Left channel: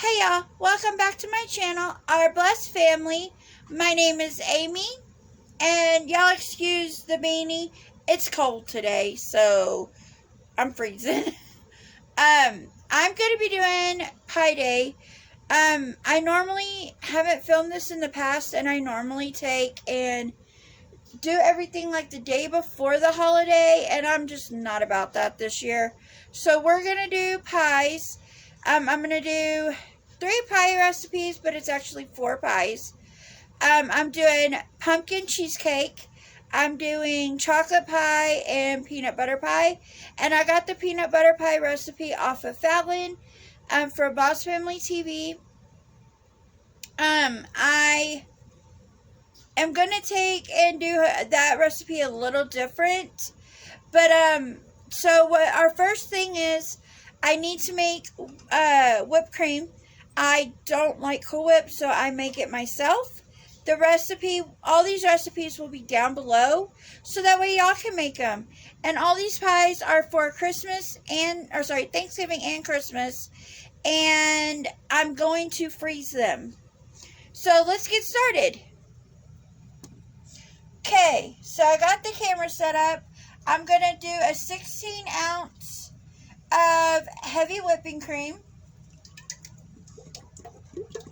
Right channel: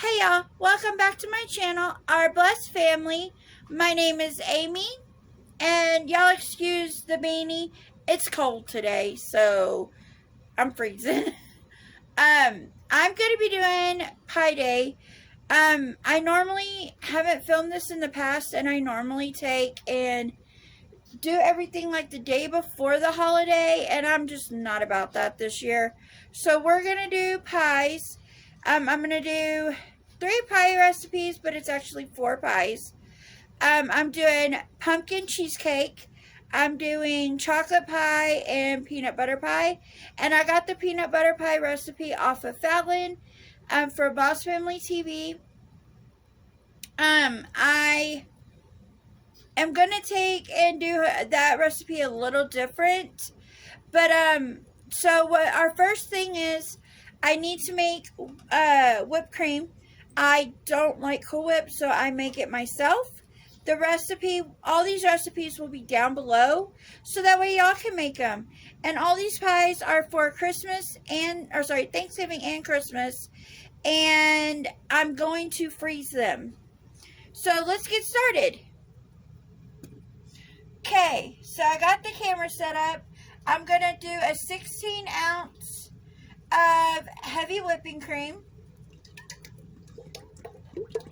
Hey y'all, welcome back to my channel, Our Blessed Family. My name is Amy, and y'all excuse the beanie. It's cold today, so I'm freezing. I'm going to be doing Pie Day. I normally haven't filmed this in the past, and I normally take and do everything like the day before the holiday, and I'm just not about that this year. So we're going to do pies. I'm going to do 3 pie recipes, but it's actually 4 pies. I'm doing pumpkin cheesecake. I'm doing chocolate pie and peanut butter pie. And I got the peanut butter pie recipe off of Fallon for Boss Family TV. I am going to take and do that recipe a little different. But, so what our first thing is, I need to make whipped cream. I don't like Cool Whip, so I make it myself. The recipe, all these recipes will be down below, so that way y'all can make them. And all these pies are for Christmas Thanksgiving and Christmas. And I'm going to freeze them. So let's get started. Okay, so I got the camera set up. I'm going to do a 16 ounce of heavy whipping cream.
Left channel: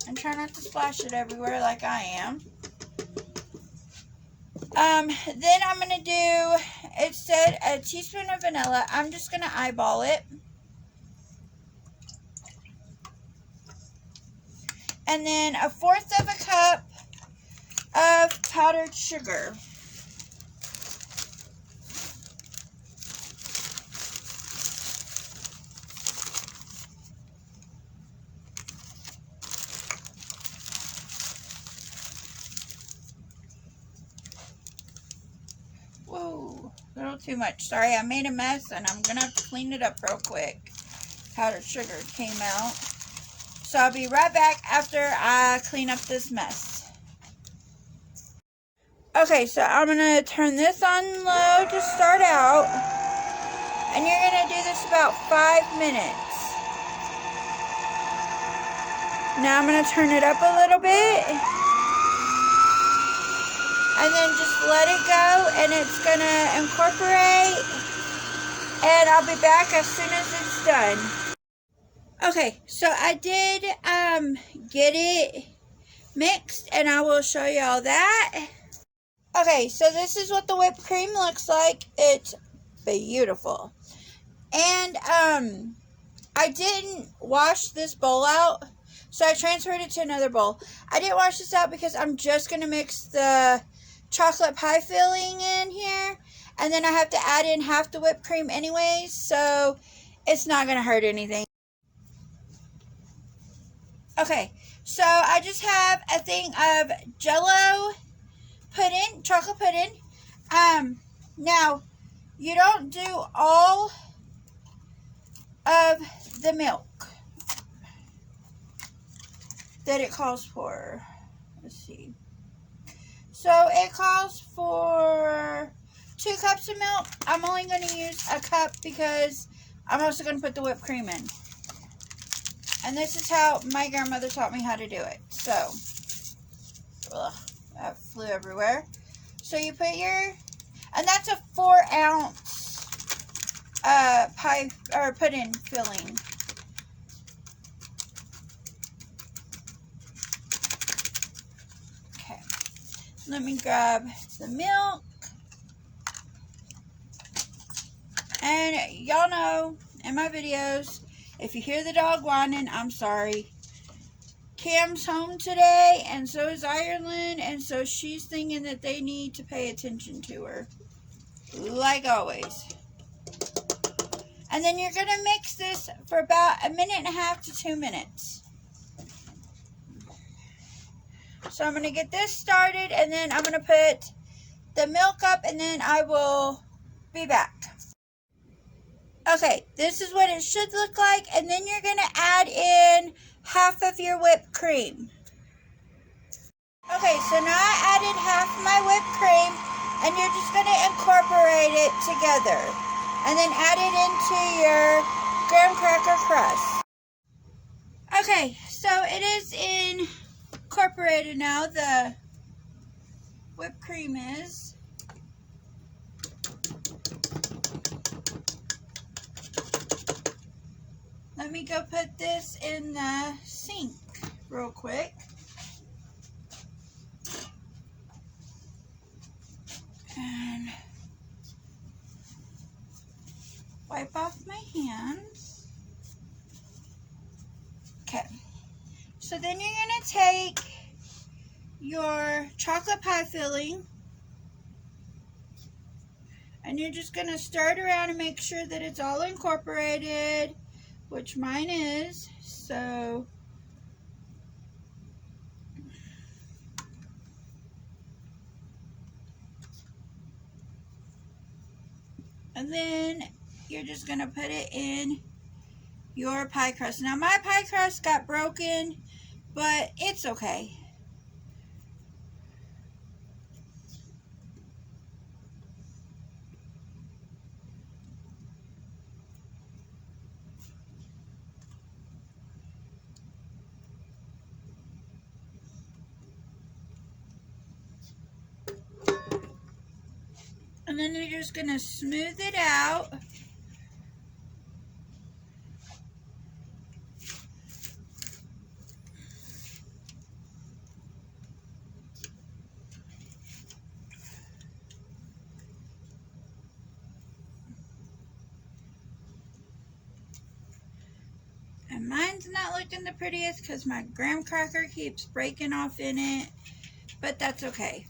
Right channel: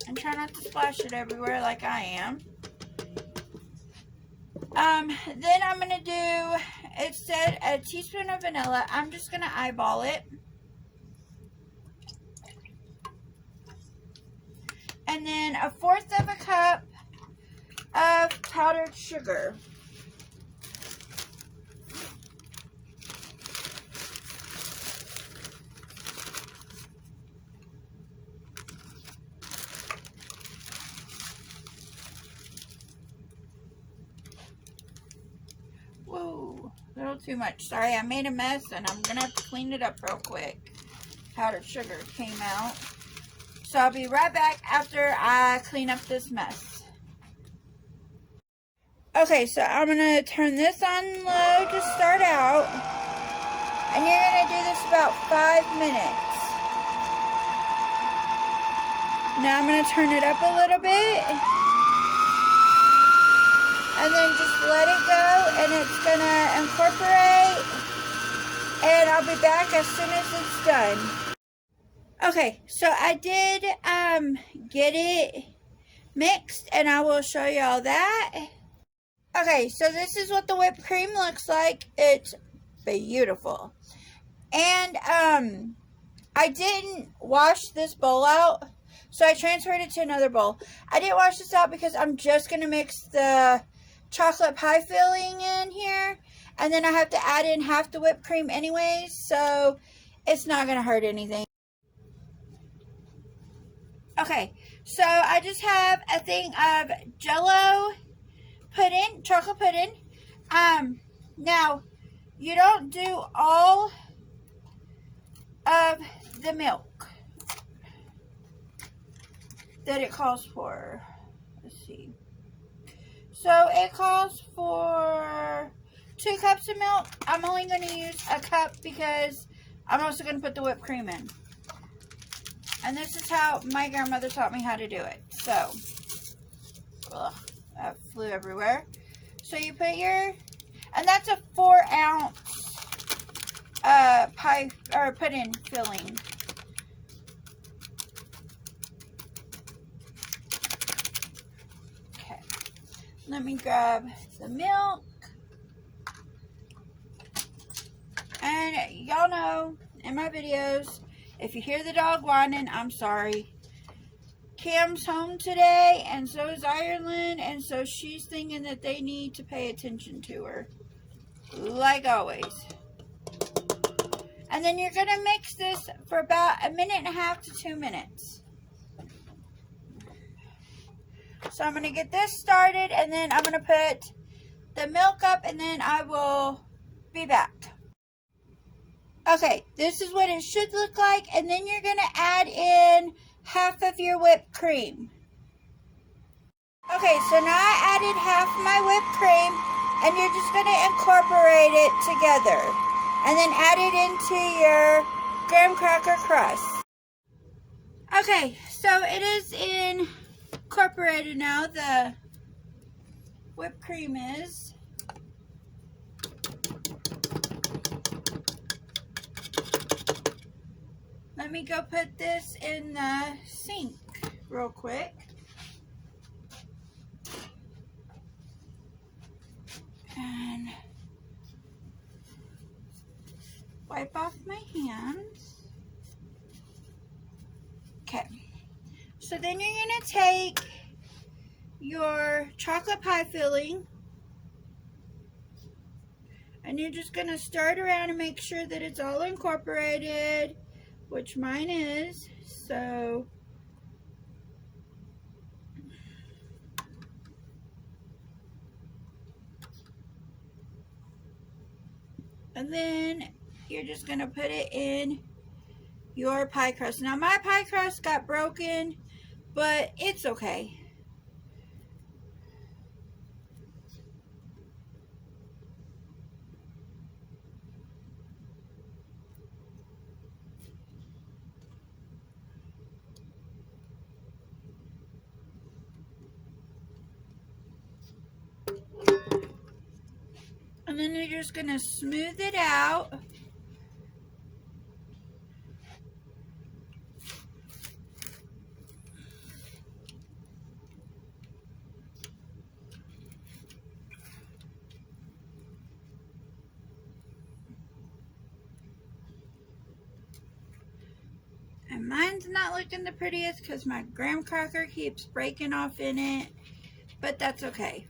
And try not to splash it everywhere like I am. Then I'm going to do, it said a teaspoon of vanilla. I'm just going to eyeball it. And then 1/4 of a cup of powdered sugar. Whoa, a little too much. Sorry, I made a mess and I'm going to have to clean it up real quick. Powdered sugar came out. So I'll be right back after I clean up this mess. Okay, so I'm going to turn this on low to start out. And you're going to do this about 5 minutes. Now I'm going to turn it up a little bit. And then just let it go, and it's going to incorporate, and I'll be back as soon as it's done. Okay, so I did get it mixed, and I will show y'all that. Okay, so this is what the whipped cream looks like. It's beautiful. And I didn't wash this bowl out, so I transferred it to another bowl. I didn't wash this out because I'm just going to mix the chocolate pie filling in here, and then I have to add in half the whipped cream anyways, so it's not going to hurt anything. Okay, so I just have a thing of Jell-O pudding, chocolate pudding. Now, you don't do all of the milk that it calls for. Let's see. So it calls for 2 cups of milk. I'm only going to use a cup because I'm also going to put the whipped cream in. And this is how my grandmother taught me how to do it. So, ugh, that flew everywhere. So you put your, and that's a 4 ounce pie or pudding filling. Let me grab the milk. And y'all know in my videos, if you hear the dog whining, I'm sorry. Cam's home today, and so is Ireland, and so she's thinking that they need to pay attention to her. Like always. And then you're going to mix this for about 1.5 to 2 minutes. So I'm going to get this started, and then I'm going to put the milk up, and then I will be back. Okay, this is what it should look like, and then you're going to add in half of your whipped cream. Okay, so now I added half my whipped cream, and you're just going to incorporate it together. And then add it into your graham cracker crust. Okay, so it is incorporated now, the whipped cream is. Let me go put this in the sink real quick. And wipe off my hands. Okay. So then you're going to take your chocolate pie filling and you're just going to stir it around and make sure that it's all incorporated, which mine is. So and then you're just going to put it in your pie crust. Now my pie crust got broken, but it's okay. And then you're just going to smooth it out. And mine's not looking the prettiest because my graham cracker keeps breaking off in it, but that's okay.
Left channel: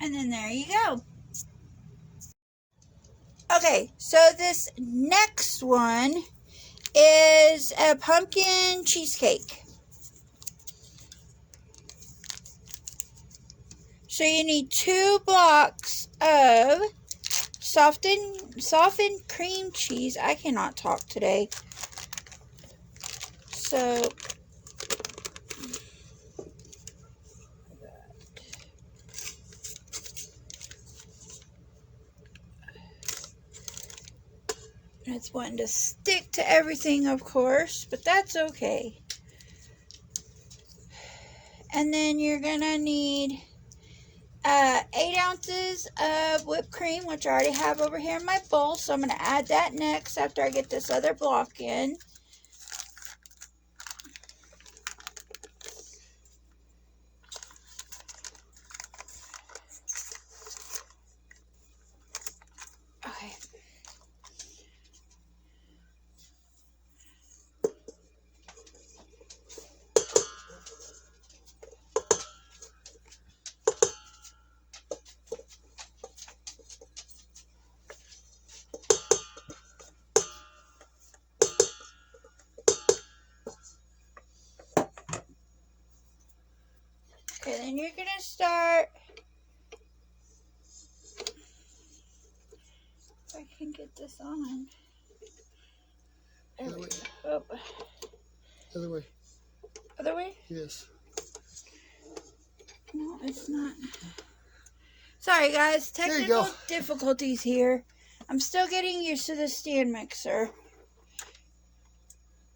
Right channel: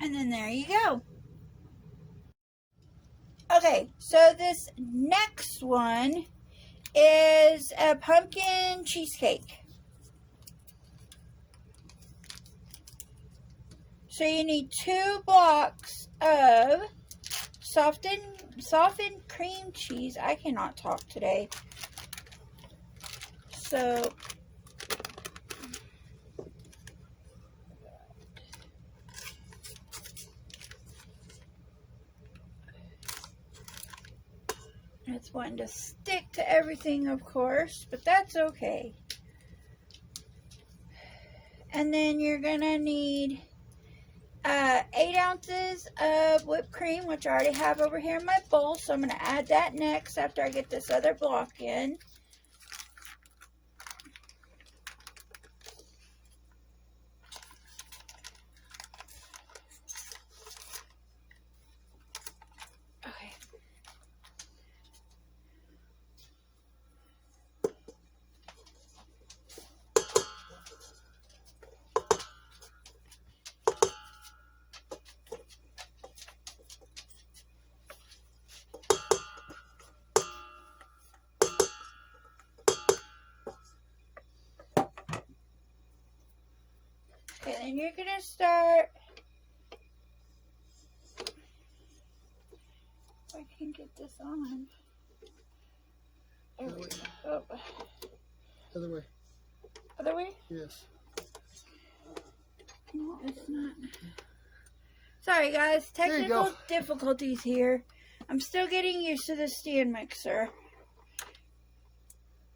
And then there you go. Okay, so this next one is a pumpkin cheesecake. So you need 2 blocks of softened cream cheese. I cannot talk today. So it's wanting to stick to everything, of course, but that's okay. And then you're gonna need 8 ounces of whipped cream, which I already have over here in my bowl. So I'm going to add that next after I get this other block in. Okay. Okay, then you're going to start. If I can get this on. There we go. Oh. Other way. Other way? Yes. No, it's not. Sorry guys, technical difficulties here. I'm still getting used to the stand mixer.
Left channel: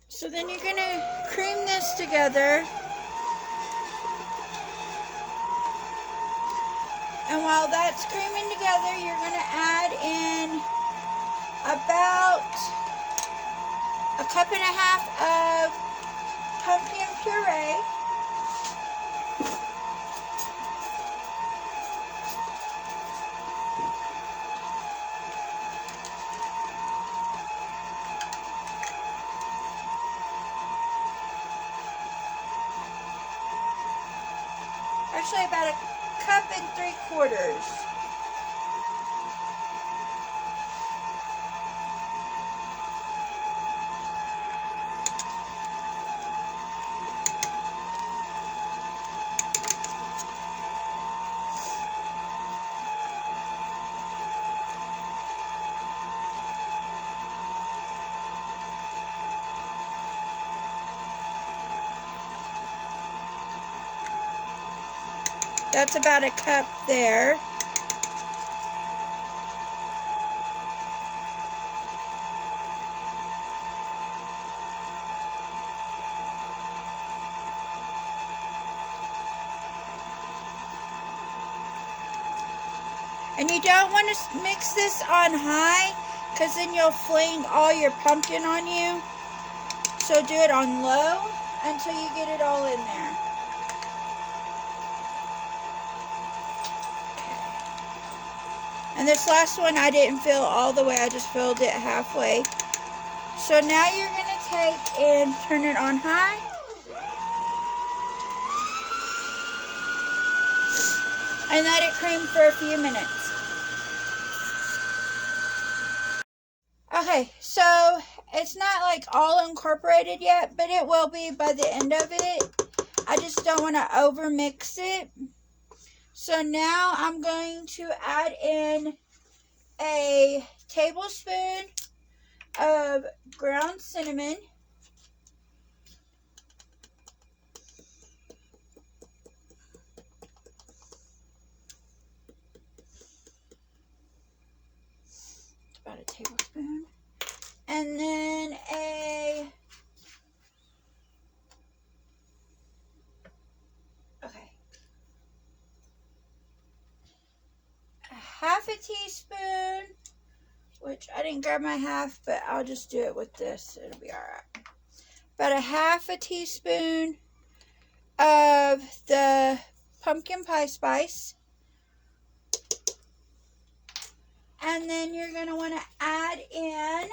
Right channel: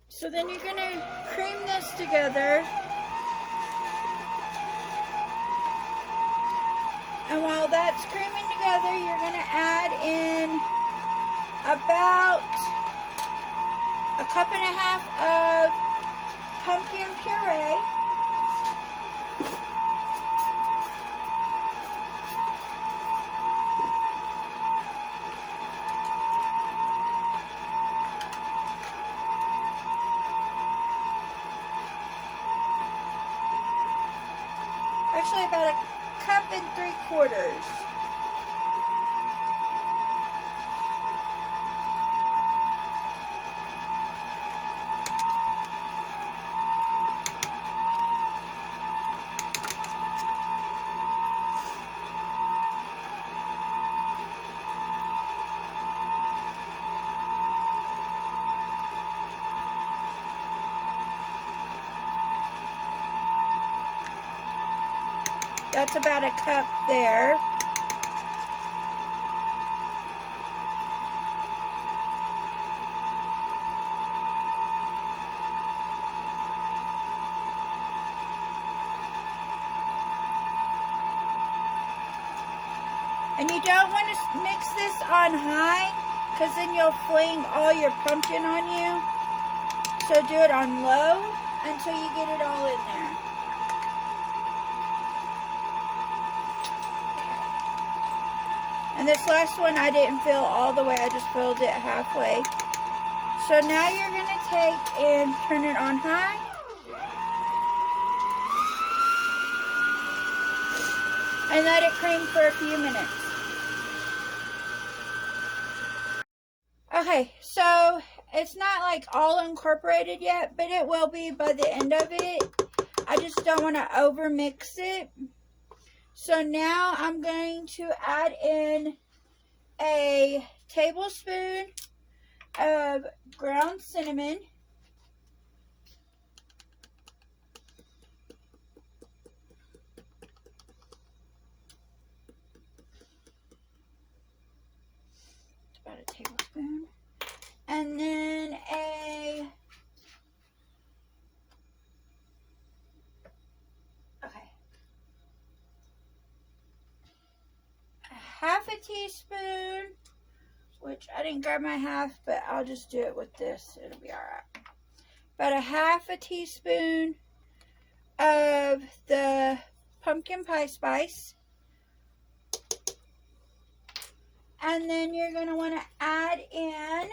So then you're going to cream this together. And while that's creaming together, you're going to add in about 1.5 cups of pumpkin puree. Actually, about 1 3/4 cups. That's about 1 cup there. And you don't want to mix this on high because then you'll fling all your pumpkin on you. So do it on low until you get it all in there. And this last one I didn't fill all the way, I just filled it halfway. So now you're going to take and turn it on high. And let it cream for a few minutes. Okay, so it's not like all incorporated yet, but it will be by the end of it. I just don't want to over mix it. So now I'm going to add in a tablespoon of ground cinnamon. About a tablespoon. And then half a teaspoon, which I didn't grab my half, but I'll just do it with this. It'll be all right. About a half a teaspoon of the pumpkin pie spice. And then you're going to want to add in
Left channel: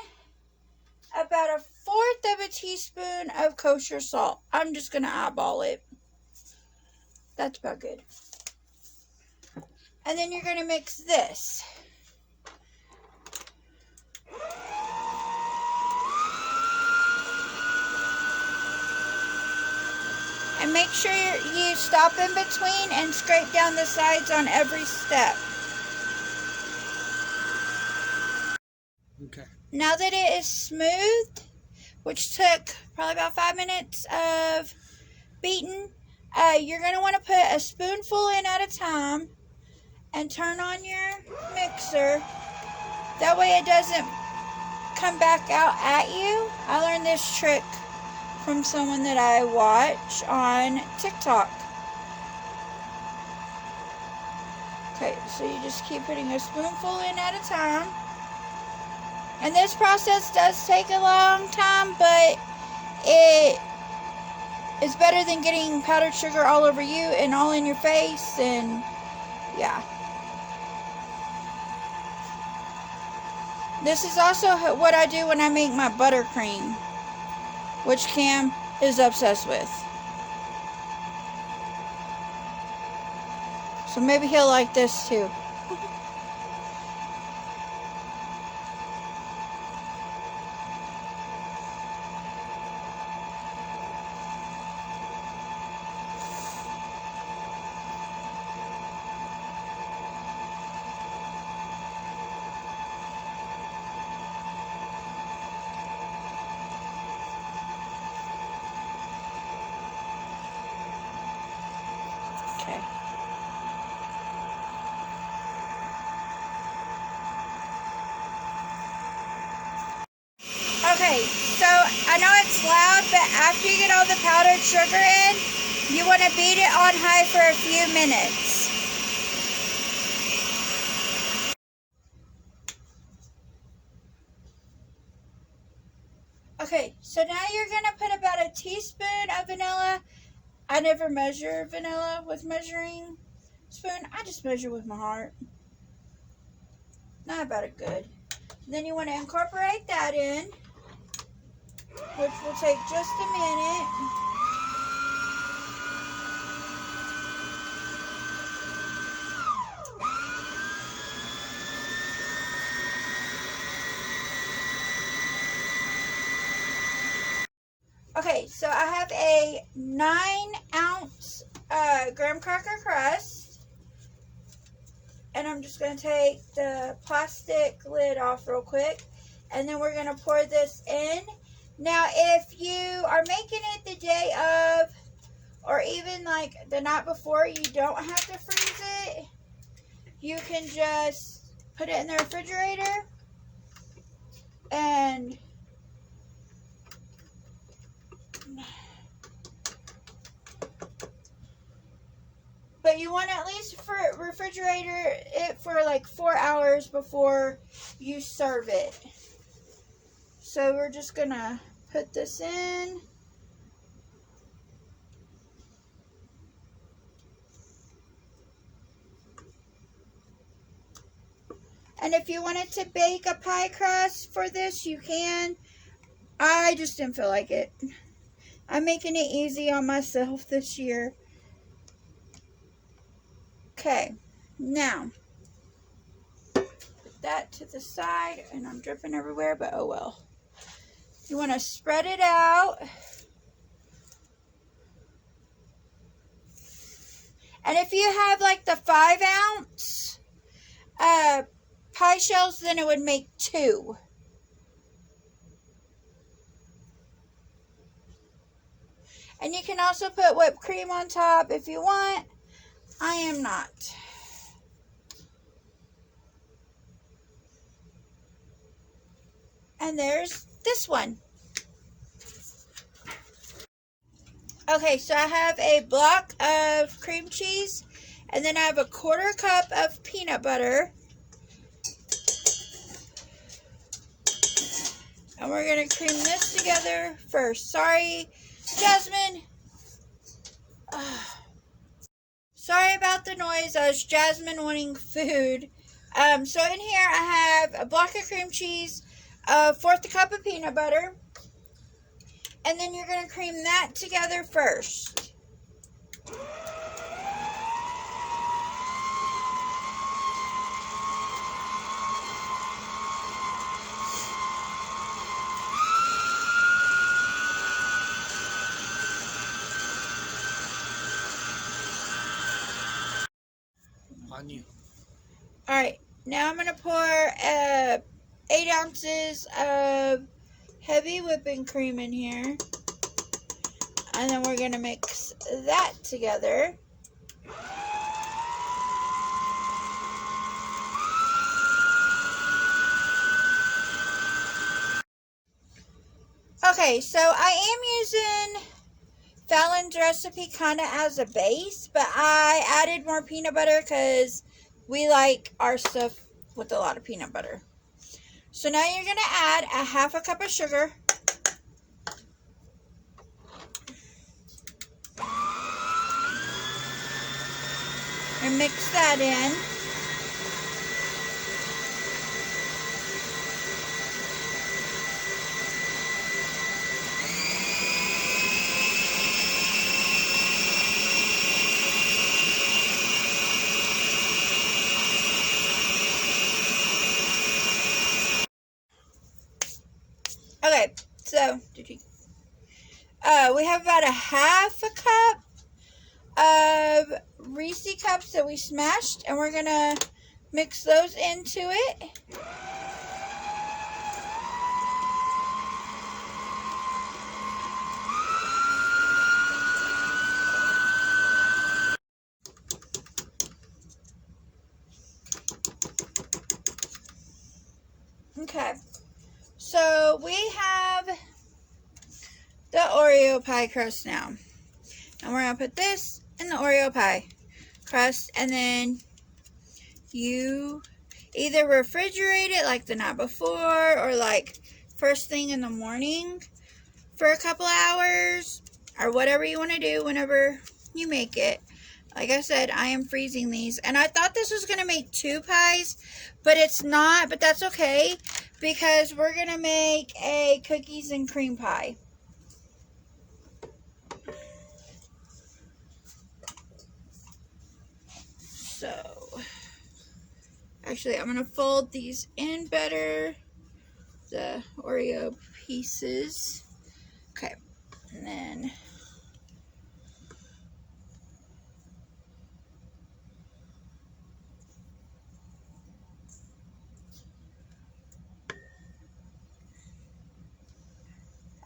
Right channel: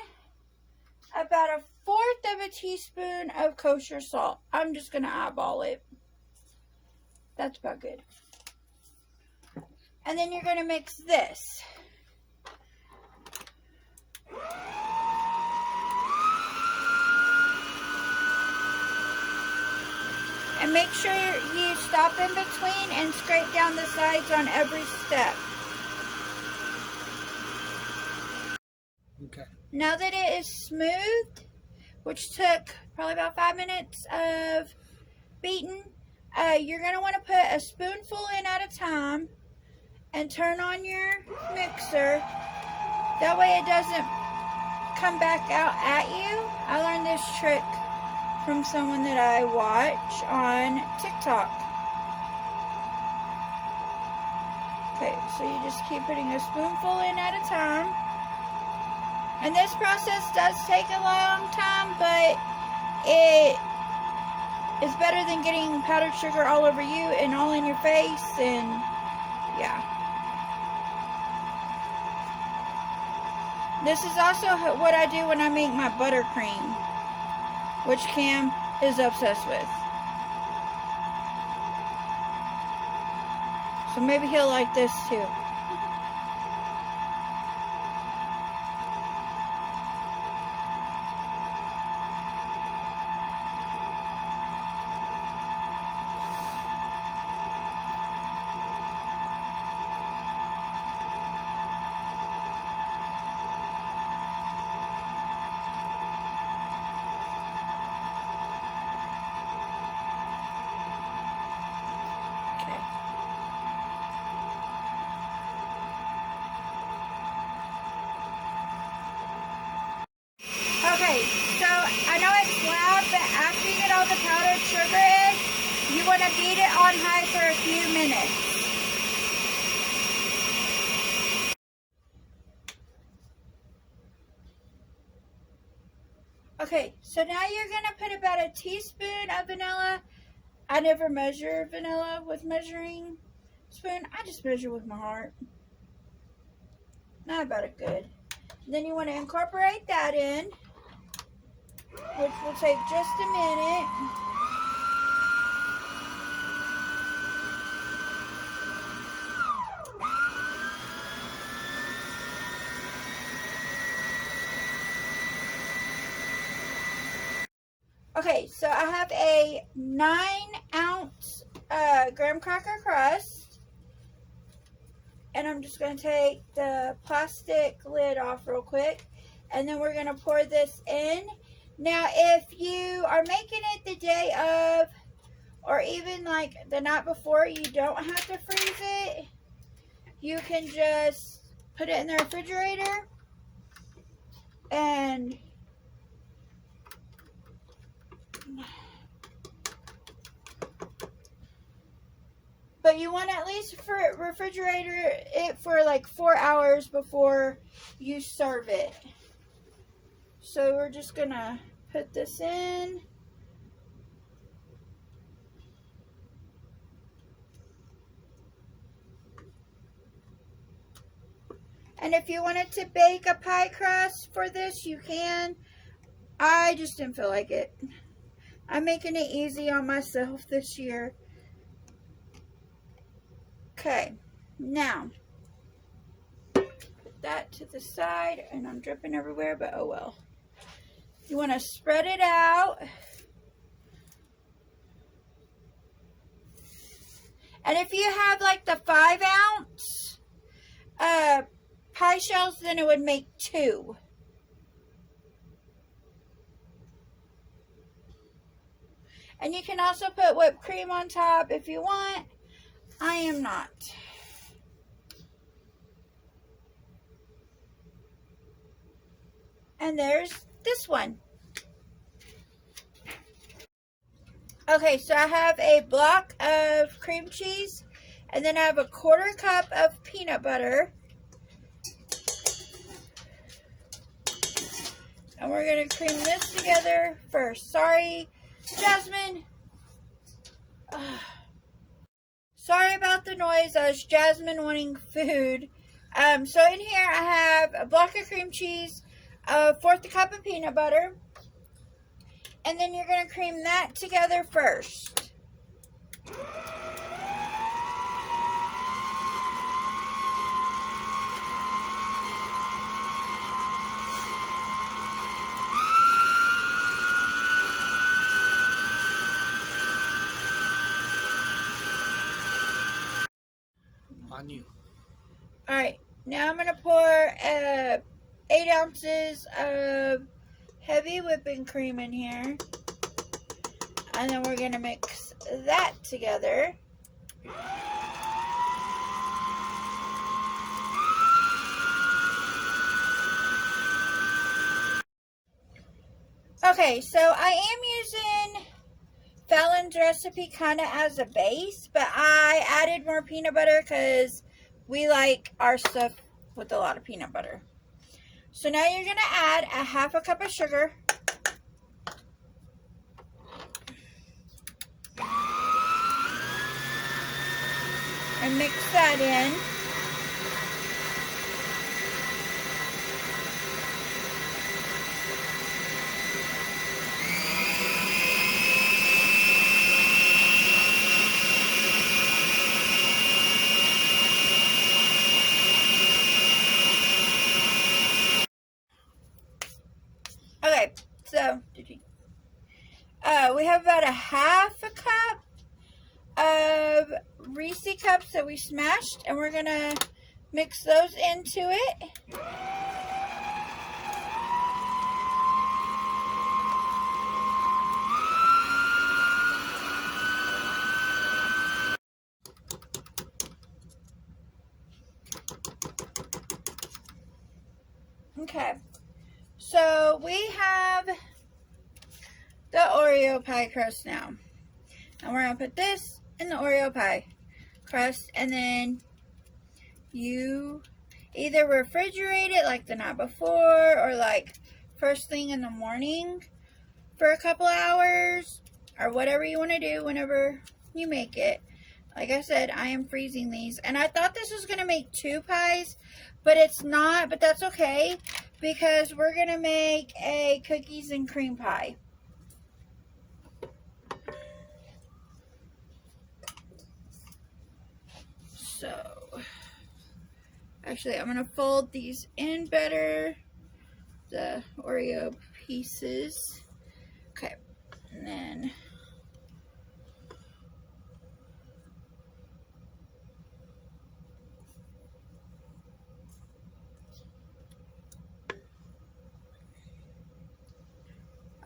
about a fourth of a teaspoon of kosher salt. I'm just going to eyeball it. That's about good. And then you're going to mix this. And make sure you stop in between and scrape down the sides on every step. Okay. Now that it is smoothed, which took probably about 5 minutes of beating, you're going to want to put a spoonful in at a time and turn on your mixer. That way it doesn't come back out at you. I learned this trick from someone that I watch on TikTok. Okay, so you just keep putting a spoonful in at a time. And this process does take a long time, but it is better than getting powdered sugar all over you and all in your face, and yeah. This is also what I do when I make my buttercream, which Cam is obsessed with. So maybe he'll like this too. Okay, so I know it's loud, but after you get all the powdered sugar in, you want to beat it on high for a few minutes. Okay, so now you're going to put about a teaspoon of vanilla. I never measure vanilla with measuring spoon. I just measure with my heart. Not about it good. Then you want to incorporate that in, which will take just a minute. Okay, so I have a 9-ounce graham cracker crust. And I'm just going to take the plastic lid off real quick. And then we're going to pour this in. Now, if you are making it the day of, or even like the night before, you don't have to freeze it. You can just put it in the refrigerator. And But you want to at least refrigerator it for like 4 hours before you serve it. So we're just going to put this in. And if you wanted to bake a pie crust for this, you can. I just didn't feel like it. I'm making it easy on myself this year. Okay, now, put that to the side, and I'm dripping everywhere, but oh well. You want to spread it out. And if you have like the 5-ounce pie shells, then it would make 2. And you can also put whipped cream on top if you want. I am not. And there's this one. Okay, so I have a block of cream cheese, and then I have a 1/4 cup of peanut butter. And we're going to cream this together first. Sorry, Jasmine. Sorry about the noise. That was Jasmine wanting food. So in here I have a block of cream cheese, a 1/4 cup of peanut butter, and then you're going to cream that together first. On you. Alright, now I'm going to pour 8 ounces of heavy whipping cream in here. And then we're going to mix that together. Okay, so I am using Fallon's recipe kind of as a base, but I added more peanut butter because we like our stuff with a lot of peanut butter. So now you're going to add a 1/2 cup of sugar. And mix that in. Okay, so we have about a 1/2 cup of Reese cups that we smashed, and we're gonna mix those into it. Okay, so we have the Oreo pie crust now. And we're going to put this in the Oreo pie crust, and then you either refrigerate it like the night before or like first thing in the morning for a couple hours, or whatever you want to do whenever you make it. Like I said, I am freezing these, and I thought this was going to make 2 pies, but it's not, but that's okay because we're going to make a cookies and cream pie. So, actually, I'm going to fold these in better, the Oreo pieces. Okay, and then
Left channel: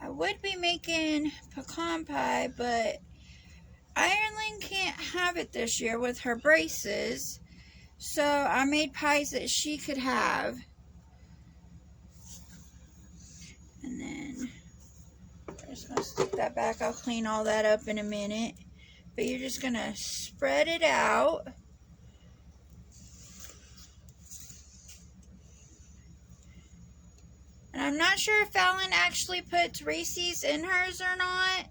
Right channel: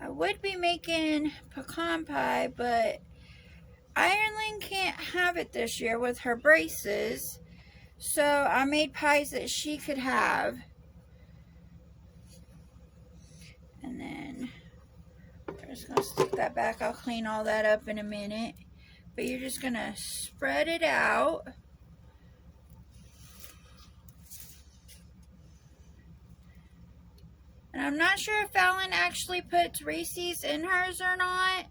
I would be making pecan pie, but Ireland can't have it this year with her braces. So I made pies that she could have. And then I'm just going to stick that back. I'll clean all that up in a minute. But you're just going to spread it out. And I'm not sure if Fallon actually puts Reese's in hers or not.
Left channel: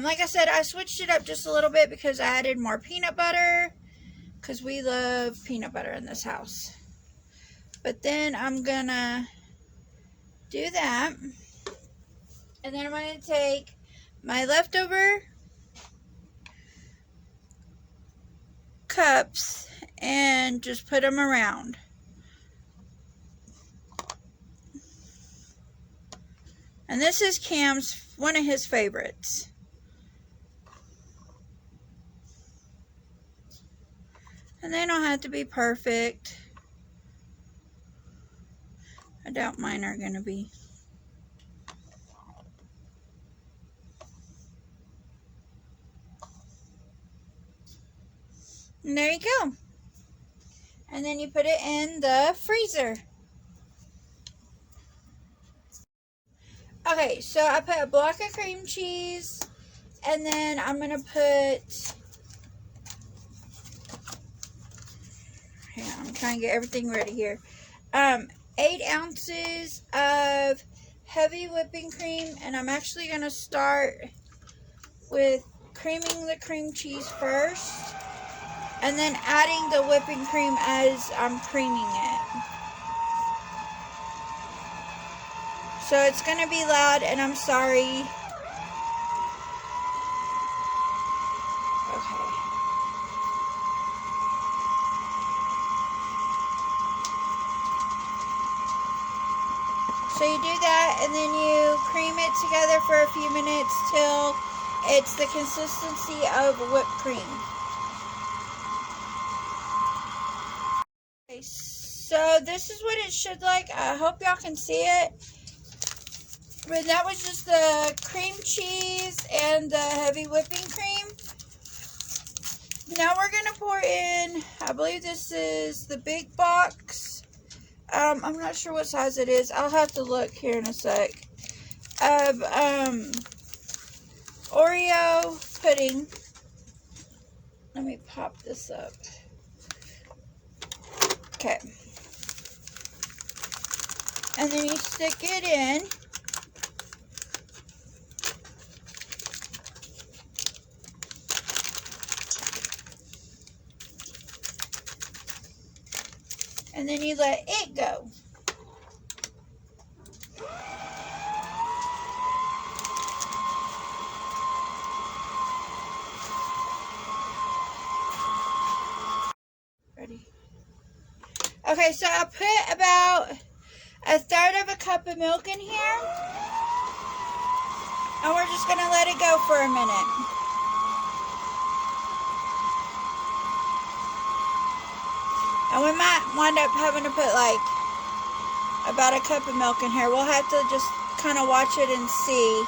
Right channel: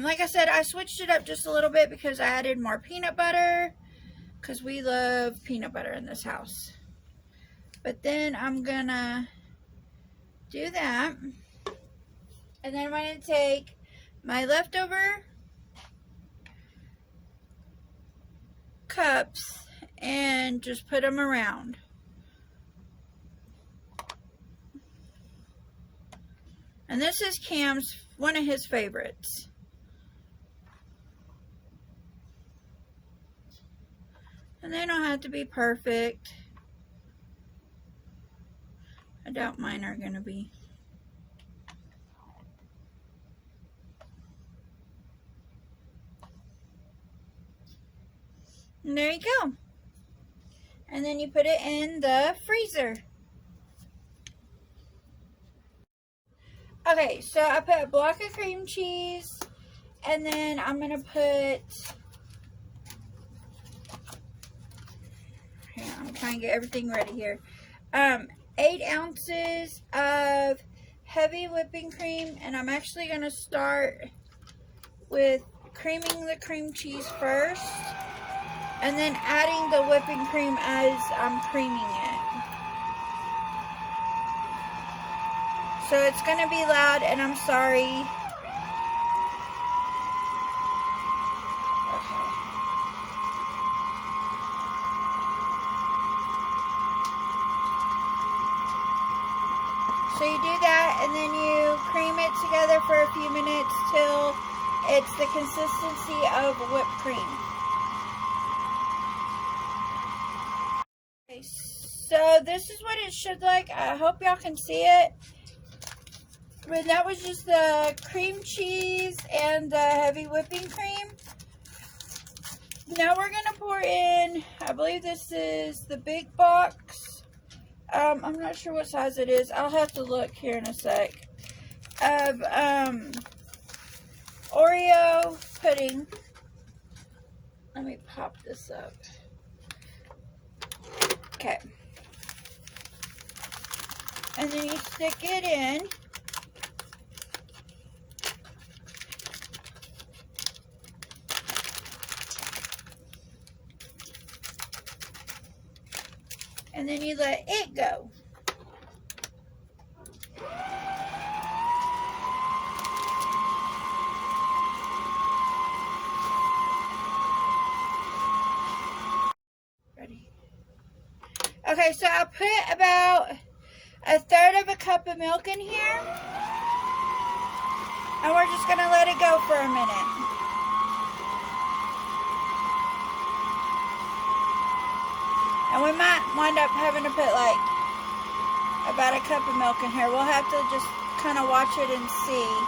Like I said, I switched it up just a little bit because I added more peanut butter. Because we love peanut butter in this house. But then I'm going to do that. And then I'm going to take my leftover cups and just put them around. And this is Cam's, one of his favorites. And they don't have to be perfect. I doubt mine are going to be. And there you go. And then you put it in the freezer. Okay, so I put a block of cream cheese, and then I'm going to put, I'm trying to get everything ready here, 8 ounces of heavy whipping cream, and I'm actually going to start with creaming the cream cheese first, and then adding the whipping cream as I'm creaming it. So it's going to be loud, and I'm sorry. Okay. So you do that, and then you cream it together for a few minutes till it's the consistency of whipped cream. Okay, so this is what it should like. I hope y'all can see it. But that was just the cream cheese and the heavy whipping cream. Now we're going to pour in, I believe this is the big box. I'm not sure what size it is. I'll have to look here in a sec. Of Oreo pudding. Let me pop this up. Okay. And then you stick it in. And then you let it go. Ready? Okay, so I'll put about 1/3 of a cup of milk in here. And we're just going to let it go for a minute. And we might wind up having to put like about a cup of milk in here. We'll have to just kind of watch it and see.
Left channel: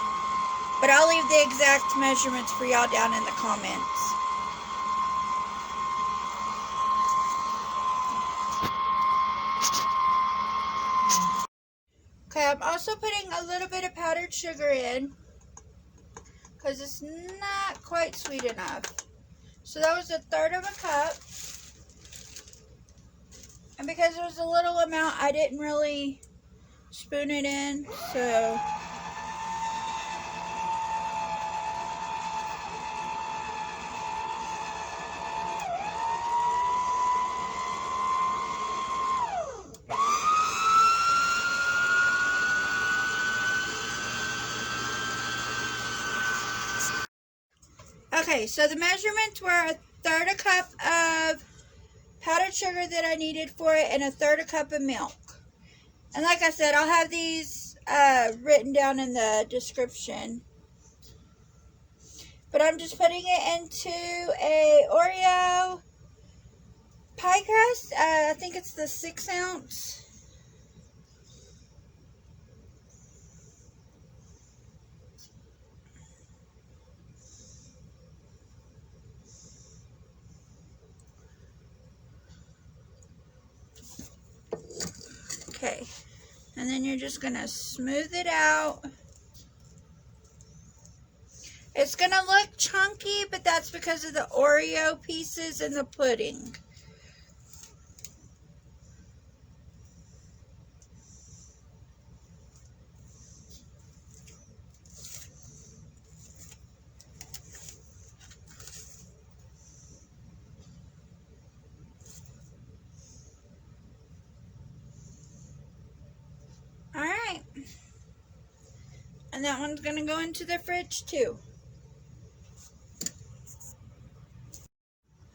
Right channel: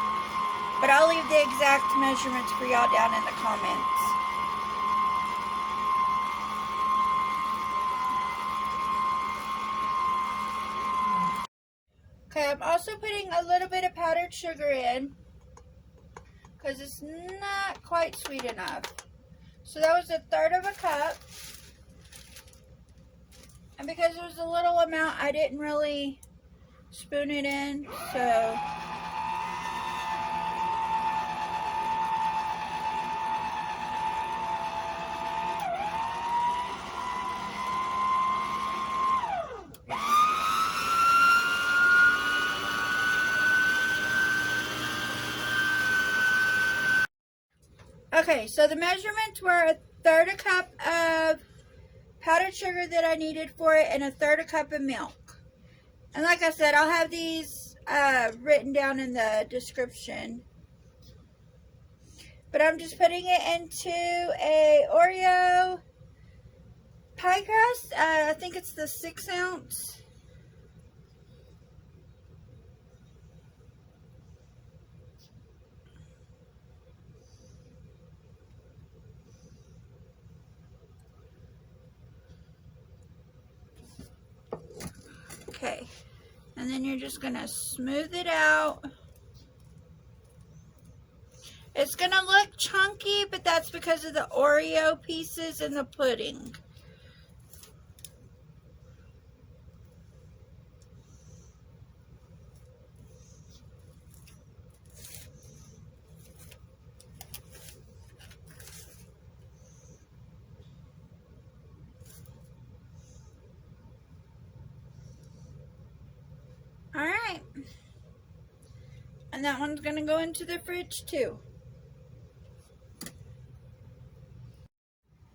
But I'll leave the exact measurements for y'all down in the comments. Okay, I'm also putting a little bit of powdered sugar in because it's not quite sweet enough. So that was 1/3 of a cup. And because it was a little amount, I didn't really spoon it in, so. Okay, so the measurements were 1/3 a cup of powdered sugar that I needed for it and 1/3 a cup of milk. And like I said, I'll have these written down in the description. But I'm just putting it into a Oreo pie crust. I think it's the 6 ounce. Okay, and then you're just gonna smooth it out. It's going to look chunky, but that's because of the Oreo pieces in the pudding. Alright. And that one's going to go into the fridge too.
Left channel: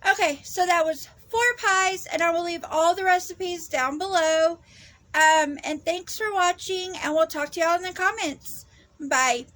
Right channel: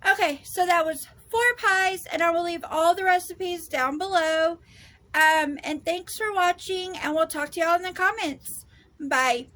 Okay, so that was 4 pies, and I will leave all the recipes down below. And thanks for watching, and we'll talk to y'all in the comments. Bye.